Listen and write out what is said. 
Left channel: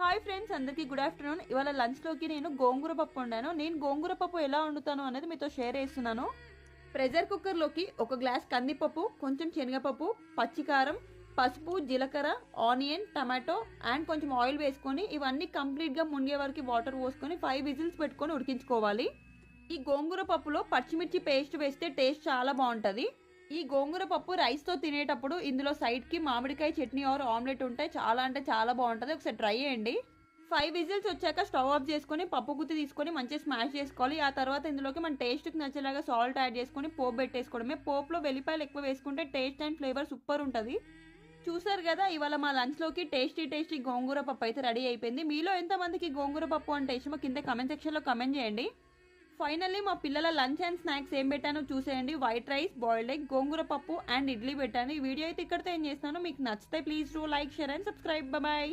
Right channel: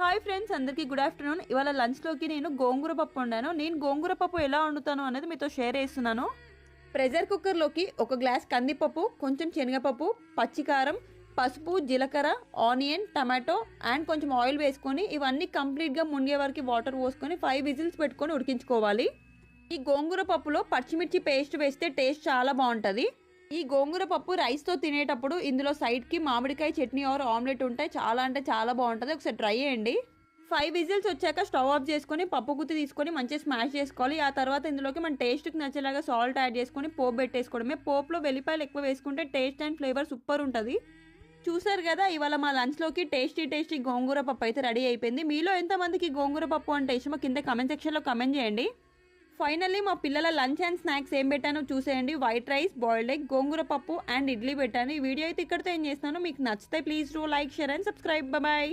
Hi friends, అందరికీ good afternoon. ఇవాళ లంచ్లోకి నేను గోంగూర పప్పు వండాను. నేను గోంగూర పప్పు ఎలా వండుతాను అనేది మీతో షేర్ చేస్తున్నాను. ప్రెషర్ కుక్కర్లోకి ఒక గ్లాస్ కందిపప్పు, కొంచెం శనగపప్పు, పచ్చికారం, పసుపు, జీలకర్ర, ఆనియన్, టమాటో అండ్ కొంచెం ఆయిల్ వేసుకొని ఇవన్నీ కంప్లీట్గా మునిగే వరకు వాటర్ పోసుకొని 5 విజిల్స్ పెట్టుకొని ఉడికించుకోవాలి. ఈ గోంగూర పప్పులో పచ్చిమిర్చి పేస్ట్ వేస్తే టేస్ట్ చాలా బాగుంటుంది. ఈ గోంగూర పప్పు రైస్తో తినేటప్పుడు ఇందులో సైడ్కి మామిడికాయ చట్నీ ఆర్ ఆమ్లెట్ ఉంటే చాలా అంటే చాలా బాగుంటుంది. ఒకసారి ట్రై చేయండి. 5 విజిల్స్ వచ్చాక స్టవ్ ఆఫ్ చేసుకొని పప్పు గుత్తి తీసుకొని మంచిగా స్మాష్ చేసుకోవాలి. ఆ తర్వాత ఇందులోకి మన టేస్ట్కి నచ్చేలాగా సాల్ట్ యాడ్ చేసుకొని పోపు పెట్టేసుకోవడమే. పోపులో వెల్లిపాయలు ఎక్కువ వేసుకుంటే టేస్ట్ అండ్ ఫ్లేవర్ సూపర్ ఉంటుంది. చూసారు కదా, ఇవాళ మా లంచ్లోకి టేస్టీ గోంగూర పప్పు అయితే రెడీ అయిపోయింది. మీలో ఎంతమందికి గోంగూర పప్పు అంటే ఇష్టమో కింద కమెంట్ సెక్షన్లో కమెంట్ చేయండి. ఫైనల్లీ మా పిల్లల లంచ్ అండ్ స్నాక్స్ ఏం పెట్టానో చూసేయండి. వైట్ రైస్, బాయిల్డ్ ఎగ్, గోంగూర పప్పు అండ్ ఇడ్లీ పెట్టాను. ఈ వీడియో అయితే ఇక్కడితో ఏం చేస్తాను. మీకు నచ్చితే please do like, share and subscribe. Bye.